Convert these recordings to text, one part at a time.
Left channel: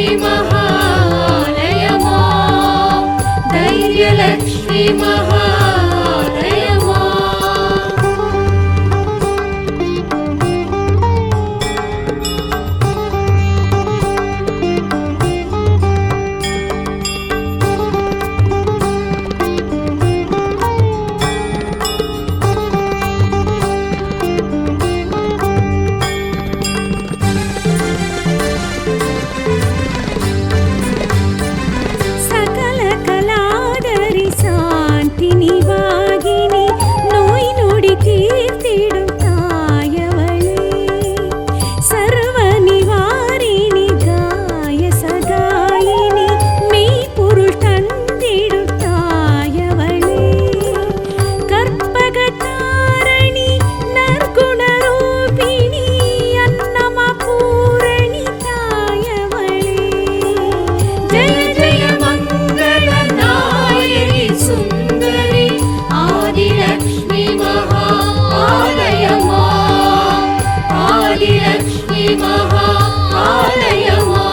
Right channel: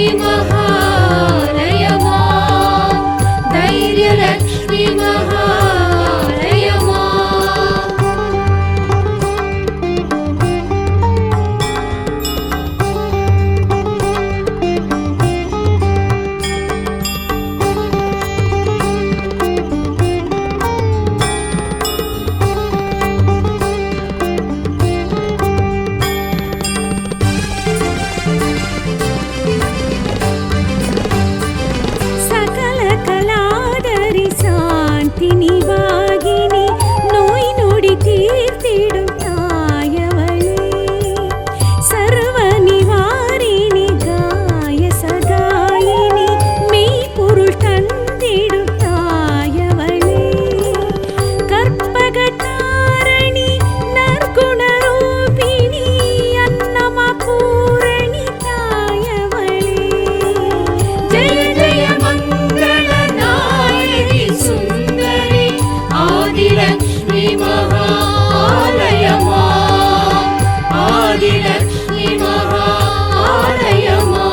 ధైర్యలక్ష్మి మహాలయమా ధైర్యలక్ష్మి మహాలయమా சாந்தினி வாகினி நோய் நொடி தீர்த்திடும் தாயவளே சர்வ நிவாரிணி காய சகாயினி மெய்ப்பொருள் தந்திடும் தாயவளே கற்பகதாரணி நற்குணரூபிணி அன்னமா பூரணி தாயவளே ஜெய ஜெய சுந்தரி ஆதிலக்ஷ்மி மகாலயமா ஆதிலக்ஷ்மி மகாலயமா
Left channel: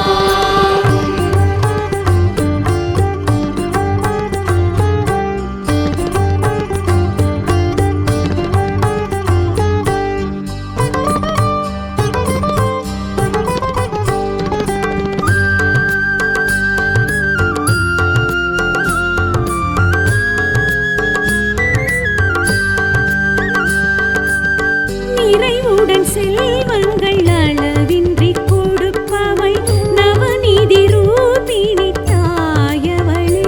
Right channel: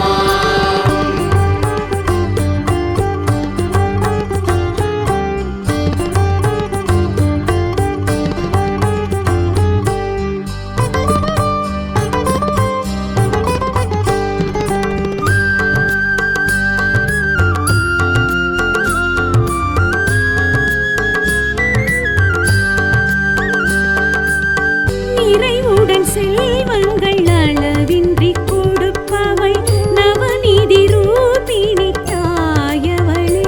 நிறைவுடன் செல்வங்கள் அளவின்றி கொடுப்பவள் நவநீதி ரூபிணி தாயவளே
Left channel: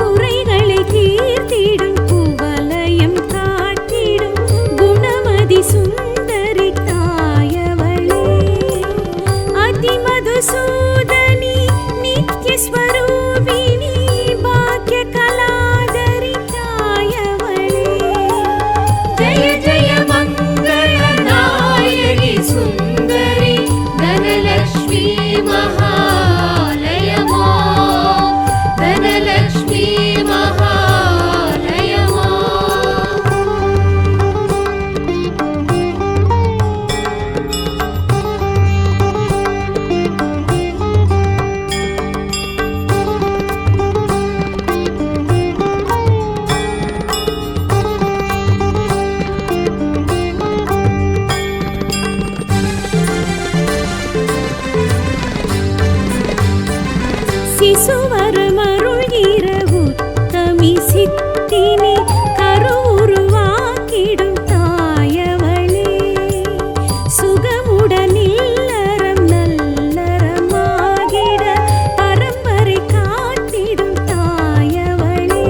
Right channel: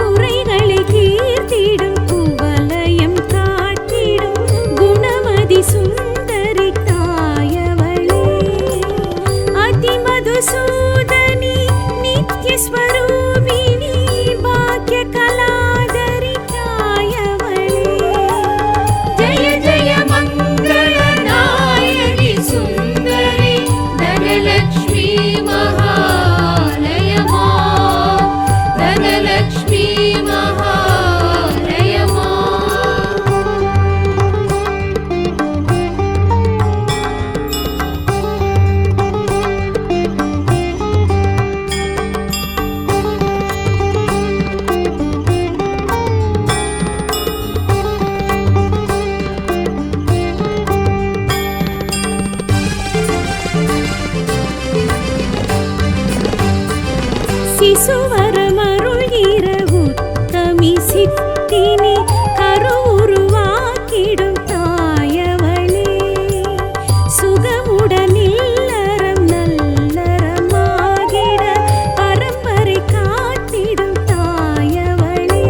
குறைகளை தீர்த்திடும் குவலயம் காட்டிடும் குணமதி சுந்தரி தாயவளே அதிமதுசூதனி நித்யஸ்வரூபிணி பாக்ய கலாதரி தாயவளே ஜெய ஜெய சுந்தரி தனலக்ஷ்மி மகாலயமா தனலக்ஷ்மி மகாலயமா சிசுவரமருள் இரவுத்தமி சித்தினி கருவுருவாக்கிடும் தாயவளே சுகமுடன் இல்லறம் நல்லறமாகிட பரம்பரை காட்டிடும் தாயவளே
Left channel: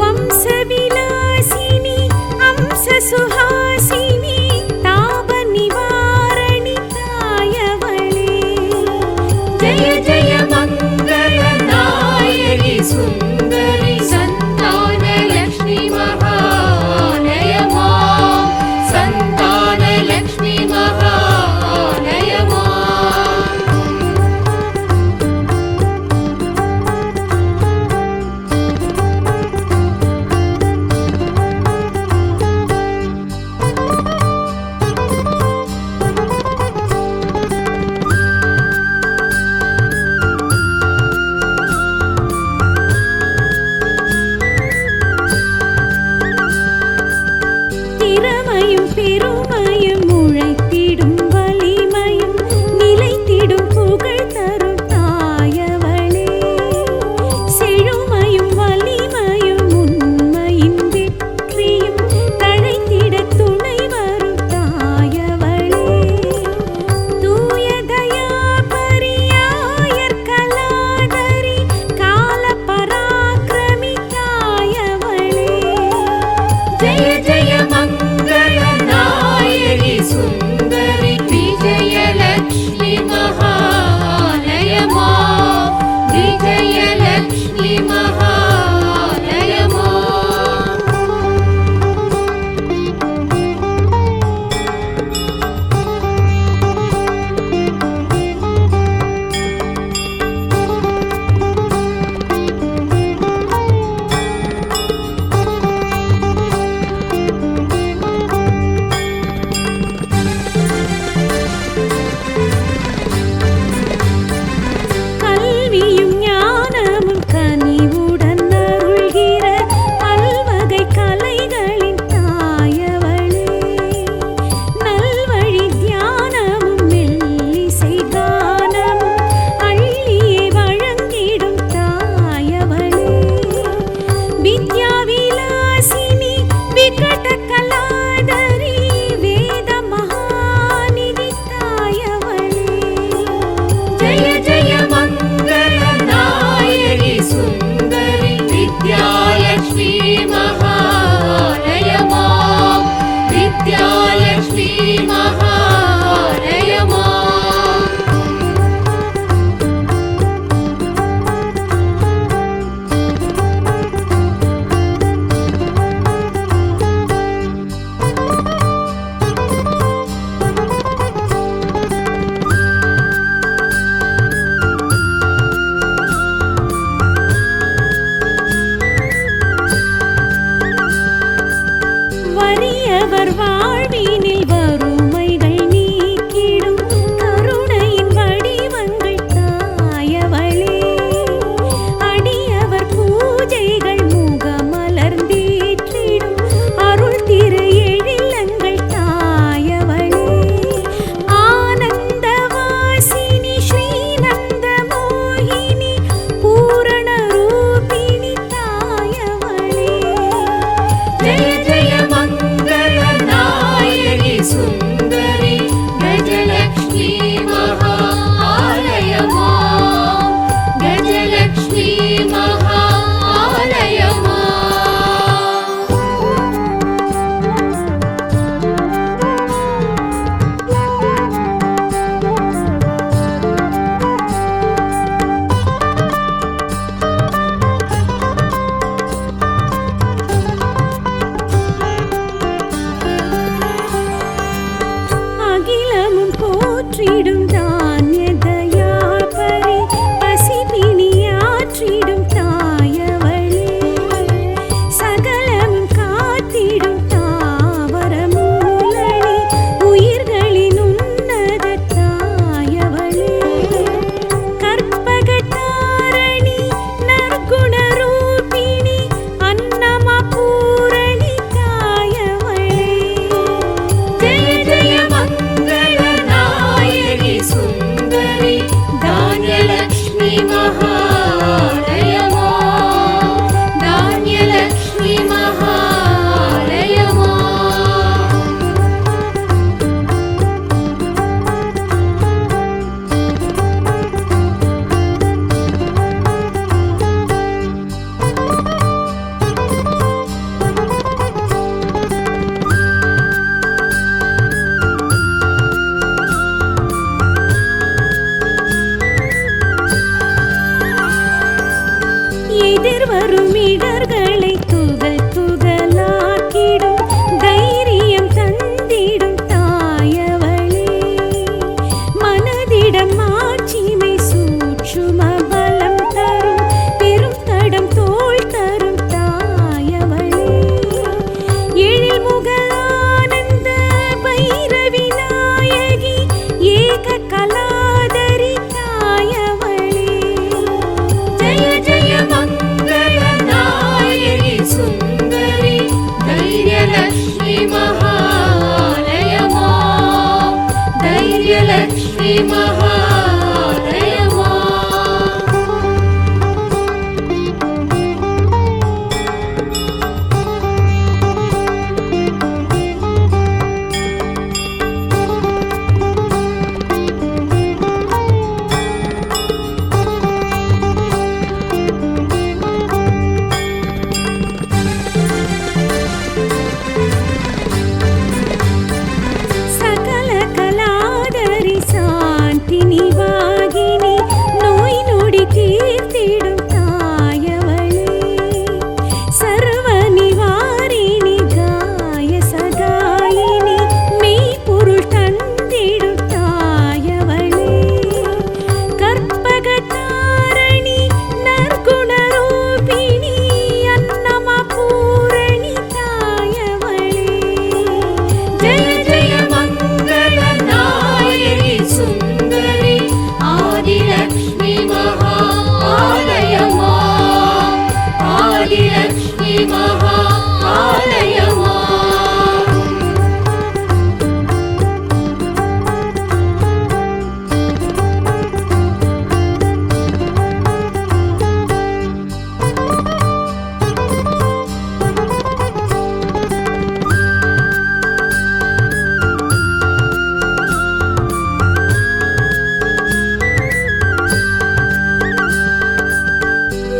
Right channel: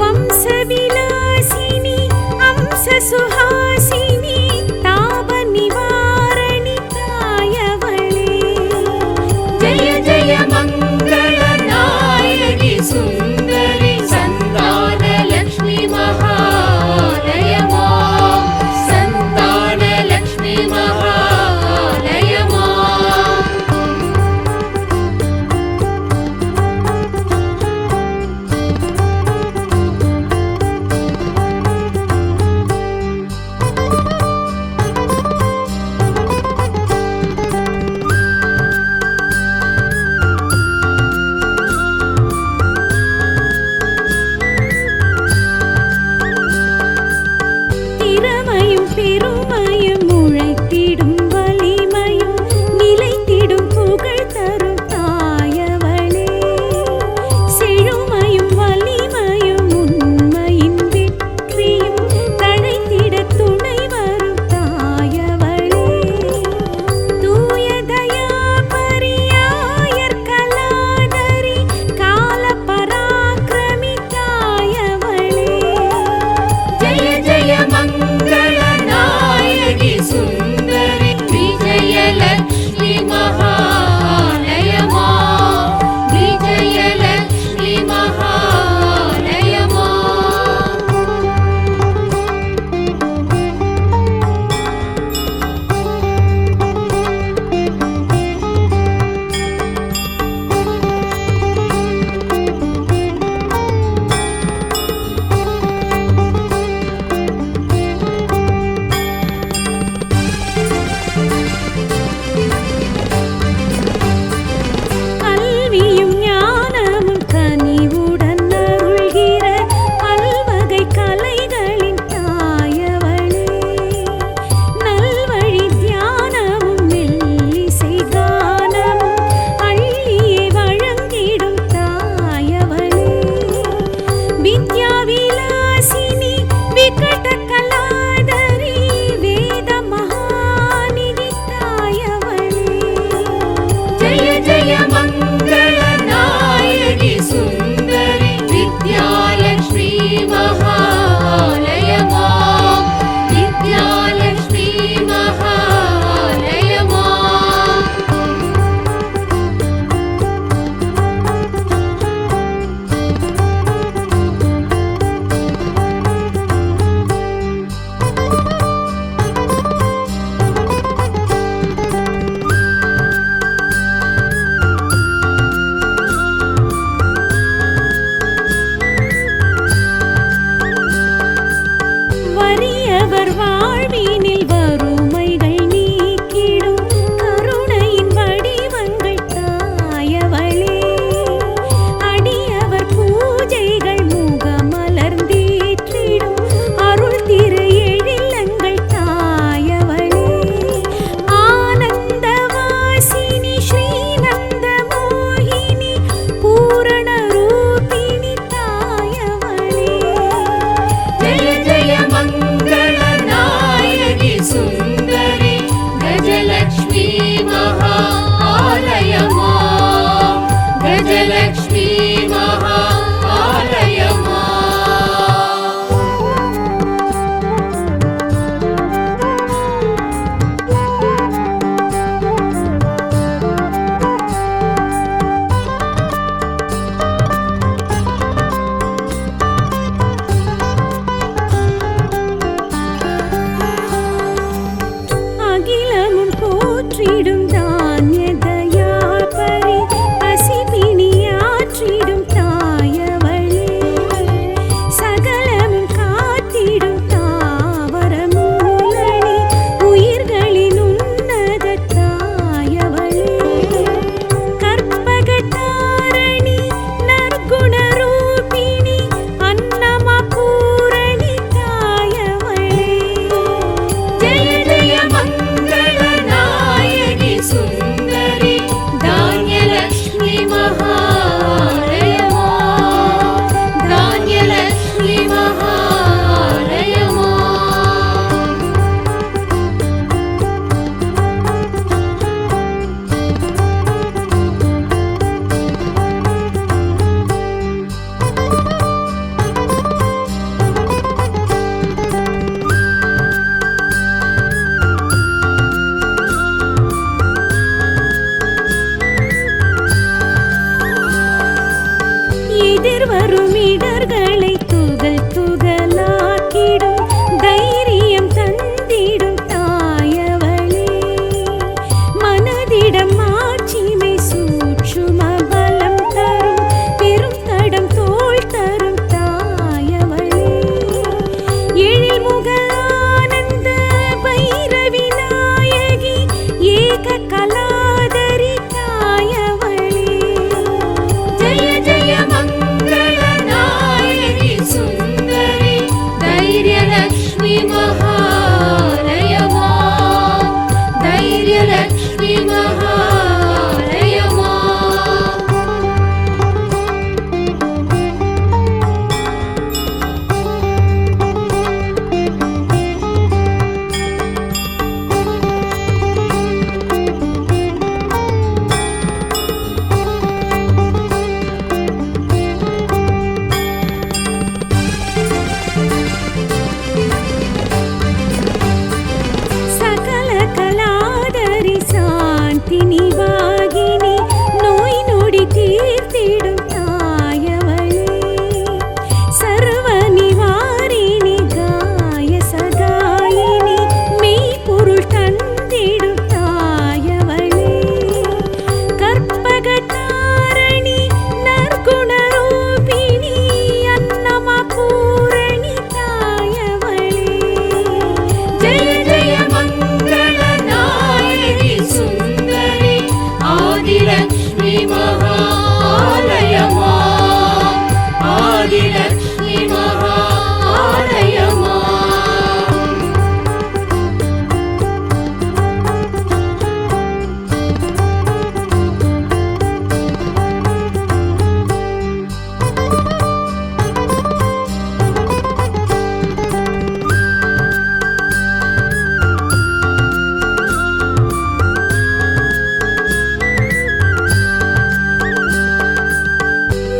வம்சவிலாசினி அம்ச சுஹாசினி தாப நிவாரணி தாயவளே ஜெய ஜெய சுந்தரி சந்தான லக்ஷ்மி மகாலயமா சந்தான லக்ஷ்மி மகாலயமா திறமையும் பெருமையும் உழைத்திடும் வலிமையும் நிலைத்திடும் புகழ் தரும் தாயவளே செழுமையும் வலிமையும் உண்மையின் வெற்றியும் தழைத்திட துணை வரும் தாயவளே தூய தயா பரியாயர் கலாதரி கால பராக்கிரமி தாயவளே ஜெய ஜெய சுந்தரி விஜயலக்ஷ்மி மகாலயமா விஜயலக்ஷ்மி மகாலயமா மாற்றிடும் தானிய தயாபரி பசிபிணியாற்றிடும் தாயவளே சகலமும் காத்திடும் தாவர மூலனி உயிர்களின் உன்னத தாயவளே கற்பகதாரணி நற்குணரூபிணி அன்னமா பூரணி தாயவளே ஜெய ஜெய மங்கள நாயகி சுந்தரி தான்யலக்ஷ்மி மகாலயமா தான்யலக்ஷ்மி மகாலயமா எதிர்வரும் இடர்களை துகள் துகளாக்கிடும் தைரியம் தந்திடும் தாயவளே மனதிடம் மாட்சிமை சூட்சும பலம் தரும் பெரும் தடம் தோள் தரும் தாயவளே எழில் முக ஆனந்த பைரவி நாயகி ஏக கலாதரி தாயவளே ஜெய ஜெய மங்கள நாயகி சுந்தரி தைரியலக்ஷ்மி மகாலயமா தைரியலக்ஷ்மி மகாலயமா சகல கலாதரி சாந்தினி வாகினி நோய் நொடி தீர்த்திடும் தாயவளே சர்வ நிவாரிணி காய சகாயினி மெய்ப்பொருள் தந்திடும் தாயவளே கற்பகதாரணி நற்குணரூபிணி அன்னமா பூரணி தாயவளே ஜெய ஜெய மங்கள நாயகி சுந்தரி ஆதிலக்ஷ்மி மகாலயமா ஆதிலக்ஷ்மி மகாலயமா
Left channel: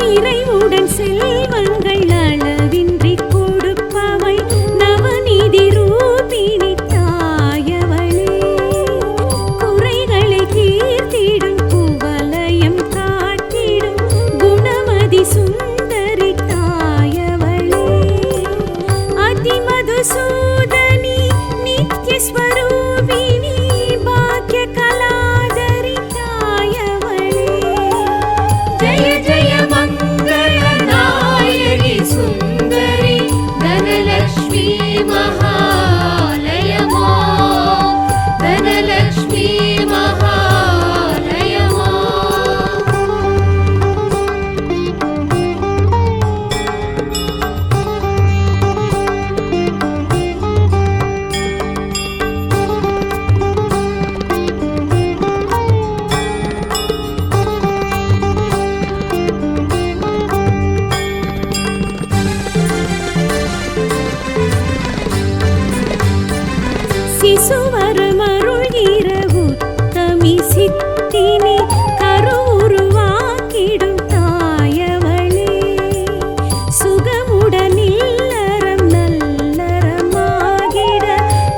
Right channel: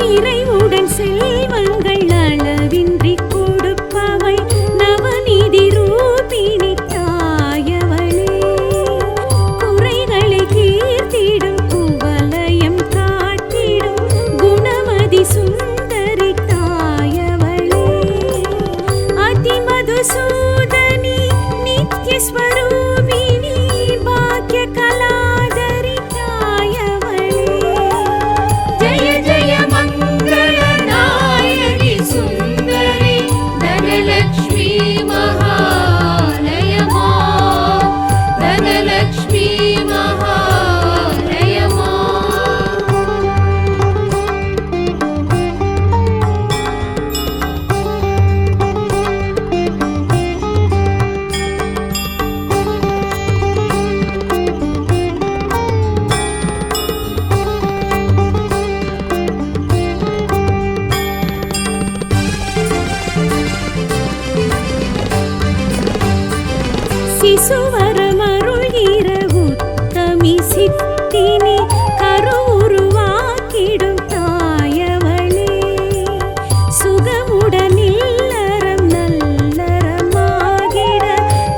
நிறைவுடன் செல்வங்கள் அளவின்றி கொடுப்பவள் நவநீதி ரூபிணி தாயவளே குறைகளை தீர்த்திடும் குவலயம் காட்டிடும் குணமதி சுந்தரி தாயவளே அதிமதுசூதனி நித்யஸ்வரூபிணி பாக்ய கலாதரி தாயவளே ஜெய ஜெய மங்கள நாயகி சுந்தரி தனலக்ஷ்மி மகாலயமா தனலக்ஷ்மி மகாலயமா சிசுவரமருள்கிற உத்தமி சித்தினி கருவுருவாக்கிடும் தாயவளே சுகமுடன் இல்லறம் நல்லறமாகிட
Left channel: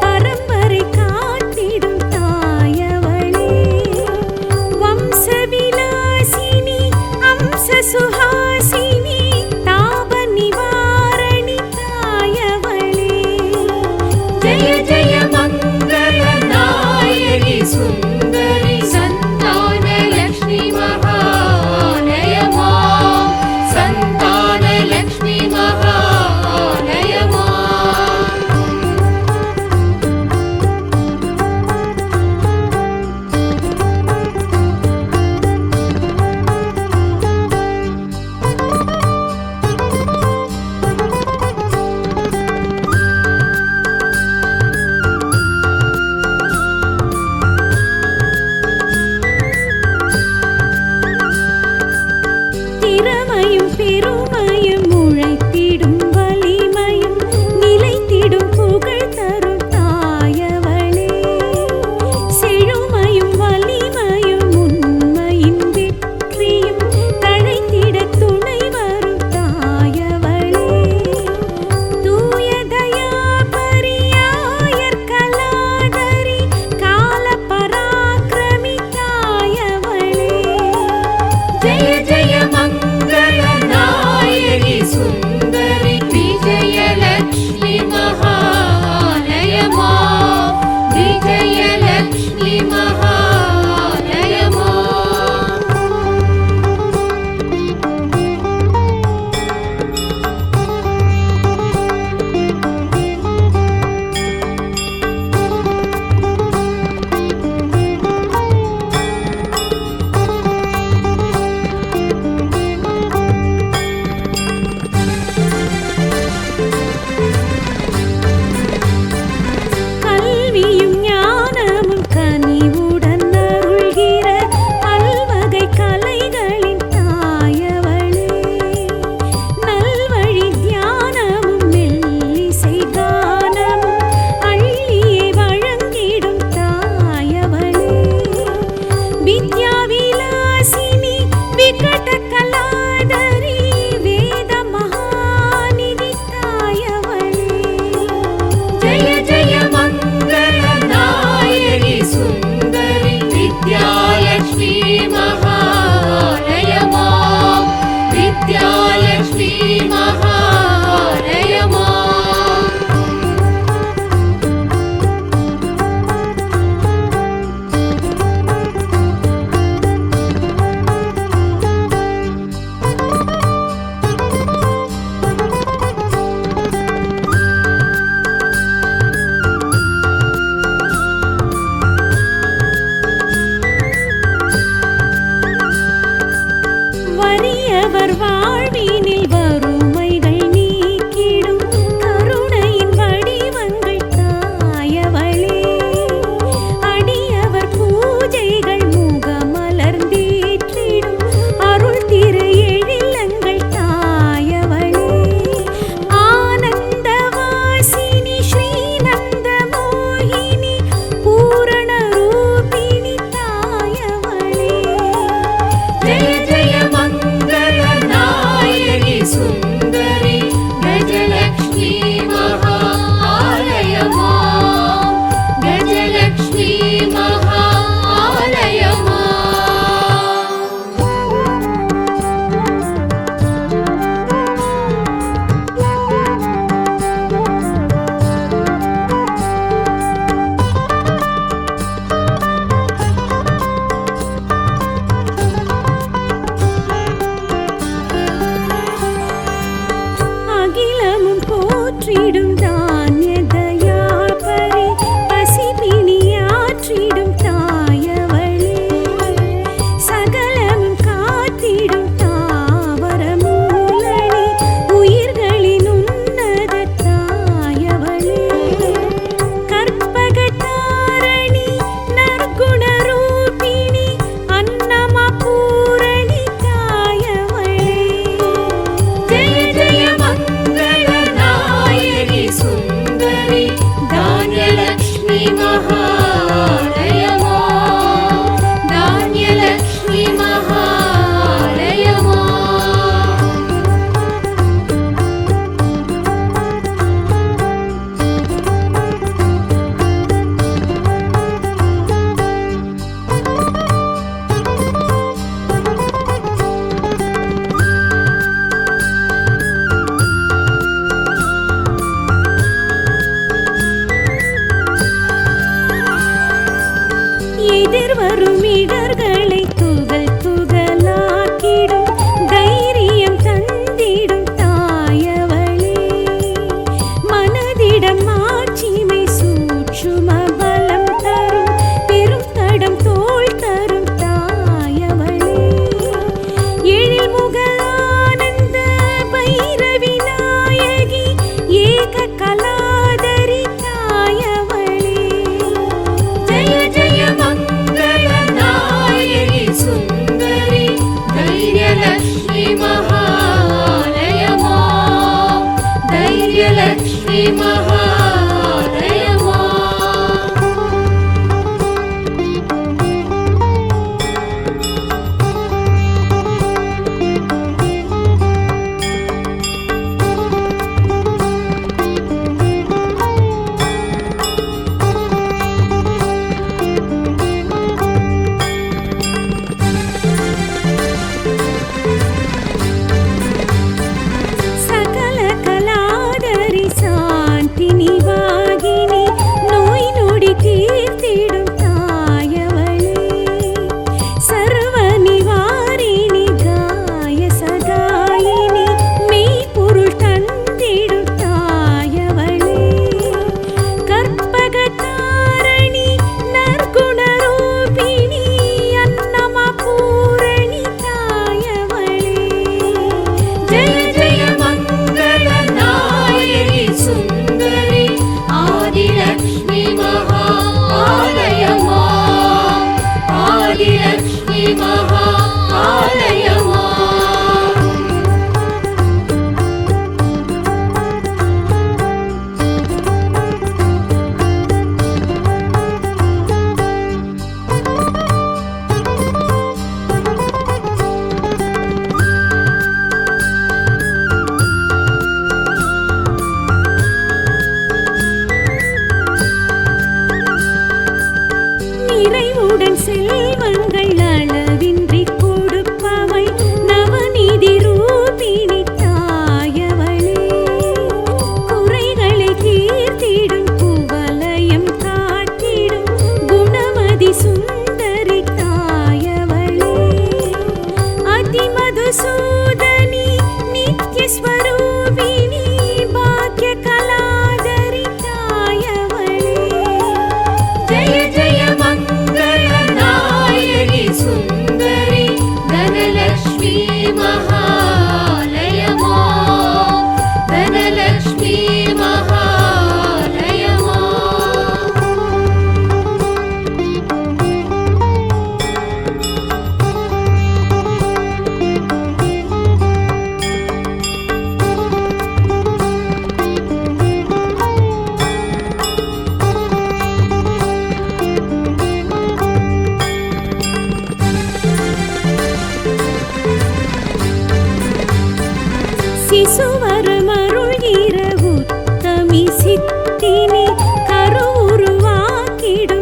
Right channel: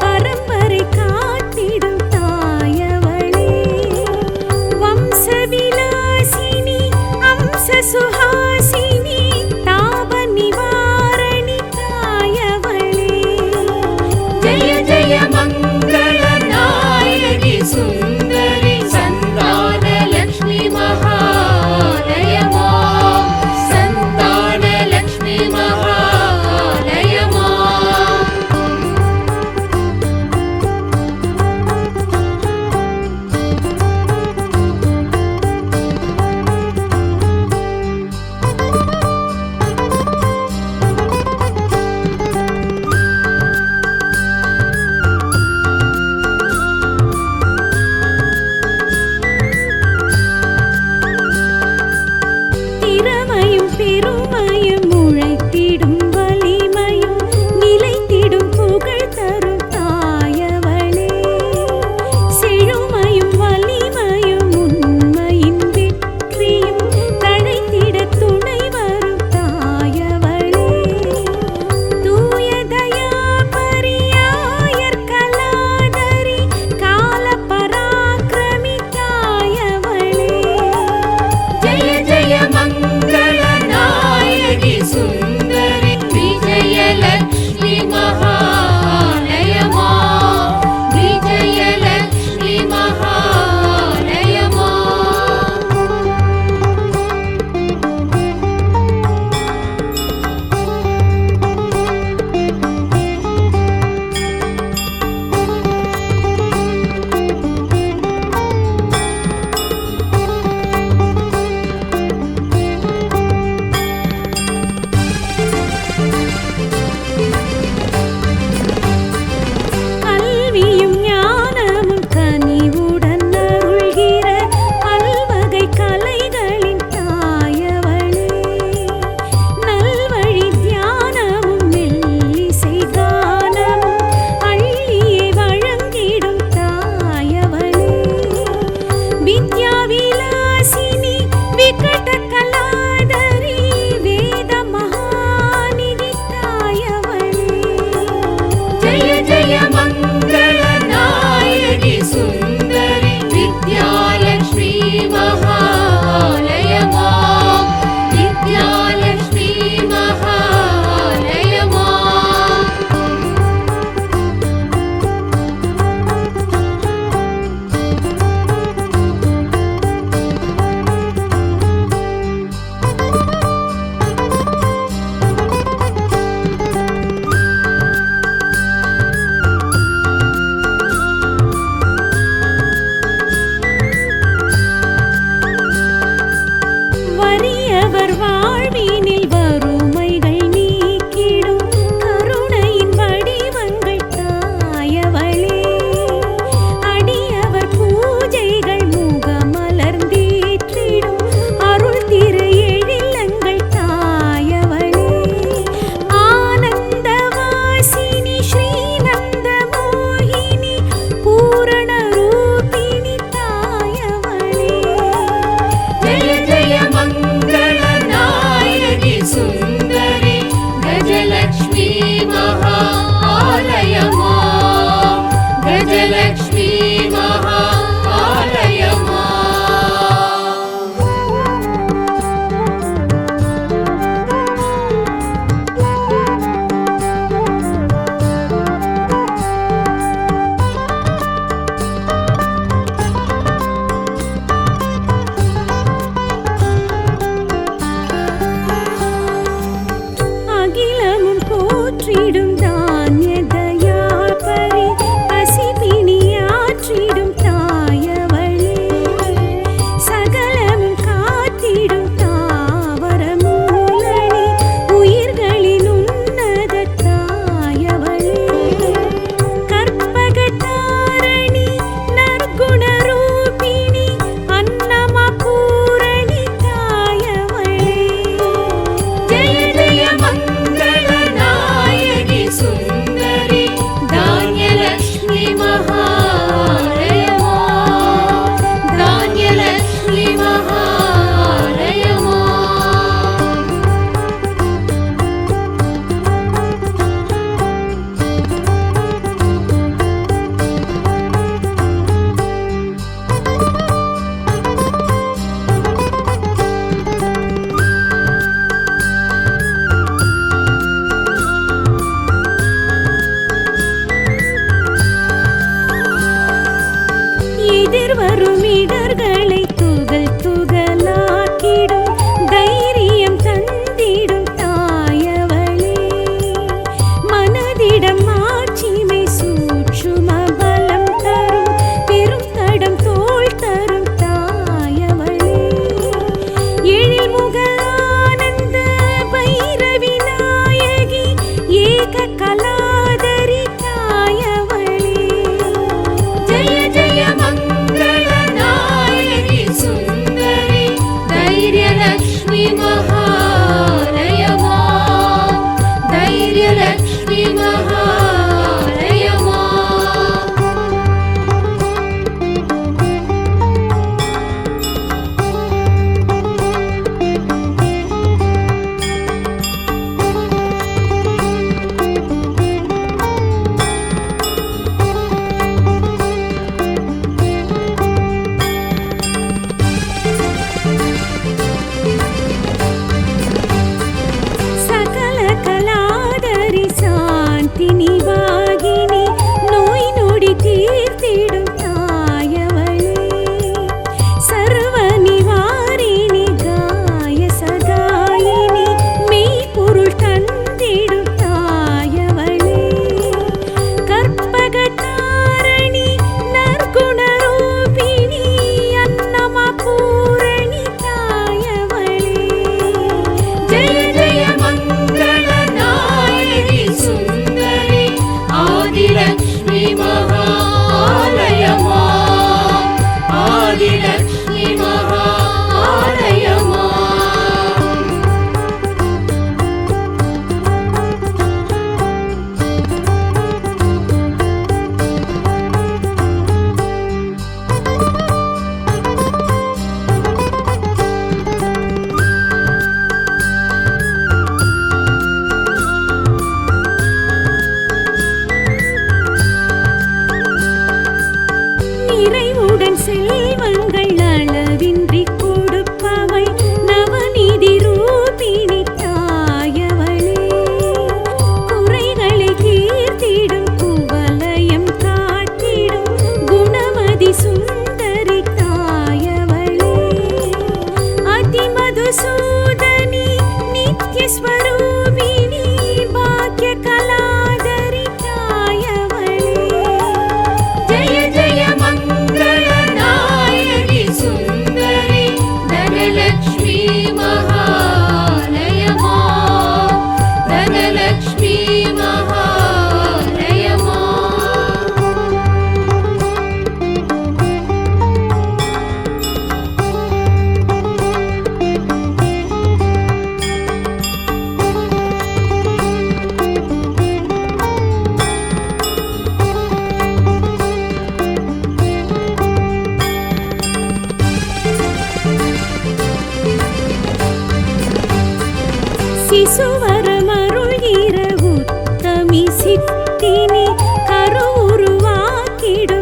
பரம்பரை காத்திடும் தாயவளே வம்சவிலாசினி அம்ச சுஹாசினி தாப நிவாரணி தாயவளே ஜெய ஜெய மங்கள நாயகி சுந்தரி பெருமையும் உழைத்திடும் வலிமையும் நிலைத்திடும் புகழ் தரும் தாயவளே. செழுமையும் வலிமையும் உண்மையின் வெற்றியும் தழைத்திட துணை வரும் தாயவளே. தூயதயா பரியாயர் கலாதரி கால பராக்கிரமி தாயவளே. ஜெய ஜெய மங்கள நாயகி சுந்தரி விஜயலக்ஷ்மி மகாலயமா. விஜயலக்ஷ்மி மகாலயமா. கல்வியும் ஞானமும் கனிவுடன் அருள்கிற பல்வகை கலைகளின் தாயவளே. நல்வழி தியானமும் மெல்லிசை கானமும் அள்ளியே வழங்கிடும் தாயவளே. வித்யா விலாசினி விகட கலாதரி வேத மகாநிதி தாயவளே. ஜெய ஜெய மங்கள நாயகி சுந்தரி வித்யாலக்ஷ்மி மகாலயமா. வித்யாலக்ஷ்மி மகாலயமா. வறியவர் வாழ்வினில் வறுமைகள் நீக்கிடும் கருணையின் வடிவங்கள் தாயவளே. அடியவர் பூஜைகள் முகமலர்ந்தேற்றிடும் அருள் திரு எழிலங்கள் தாயவளே. ஆனந்த வாசினி ஸ்ரீநந்த மோகினி பூரண ரூபிணி தாயவளே. ஜெய ஜெய மங்கள நாயகி சுந்தரி கஜலக்ஷ்மி மகாலயமா. கஜலக்ஷ்மி மகாலயமா. அகிலமும் போற்றிடும் தானிய தயாபரி பசிபிணியாற்றிடும் தாயவளே. சகலமும் காத்திடும் தாவர மூலனி உயிர்களின் உன்னத தாயவளே. கற்பக தாரணி நற்குண ரூபிணி அன்னமா பூரணி தாயவளே. ஜெய ஜெய மங்கள நாயகி சுந்தரி தான்யலக்ஷ்மி மகாலயமா. தான்யலக்ஷ்மி மகாலயமா. எதிர்வரும் இடர்களை துகள் துகளாக்கிடும் தைரியம் தந்திடும் தாயவளே. மனதிடம் மாட்சிமை சூட்சும பலம் தரும் பெரும் தடம் தோள் தரும் தாயவளே. எழில் முக ஆனந்த பைரவி நாயகி ஏக கலாதரி தாயவளே. ஜெய ஜெய மங்கள தாரிணி வாகினி நோய் நொடி தீர்த்திடும் தாயவளே சர்வ நிவாரிணி காய சகாயினி மெய்ப்பொருள் தந்திடும் தாயவளே கற்பகதாரணி நற்குணரூபிணி அன்னமா பூரணி தாயவளே ஜெய ஜெய மங்கள நாயகி சுந்தரி ஆதிலக்ஷ்மி மகாலயமா ஆதிலக்ஷ்மி மகாலயமா நிறைவுடன் செல்வங்கள் அளவின்றி கொடுப்பவை நவநீதி ரூபிணி தாயவளே குறைகளை தீர்த்திடும் குவலயம் காட்டிடும் குணமதி சுந்தரி தாயவளே அதிமதுசூதனி நித்யஸ்வரூபிணி பாக்ய கலாதரி தாயவளே ஜெய ஜெய மங்கள நாயகி சுந்தரி தனலக்ஷ்மி மகாலயமா தனலக்ஷ்மி மகாலயமா சிசுவரமருள்கிற உத்தமி சித்தினி கருவுருவாக்கிடும்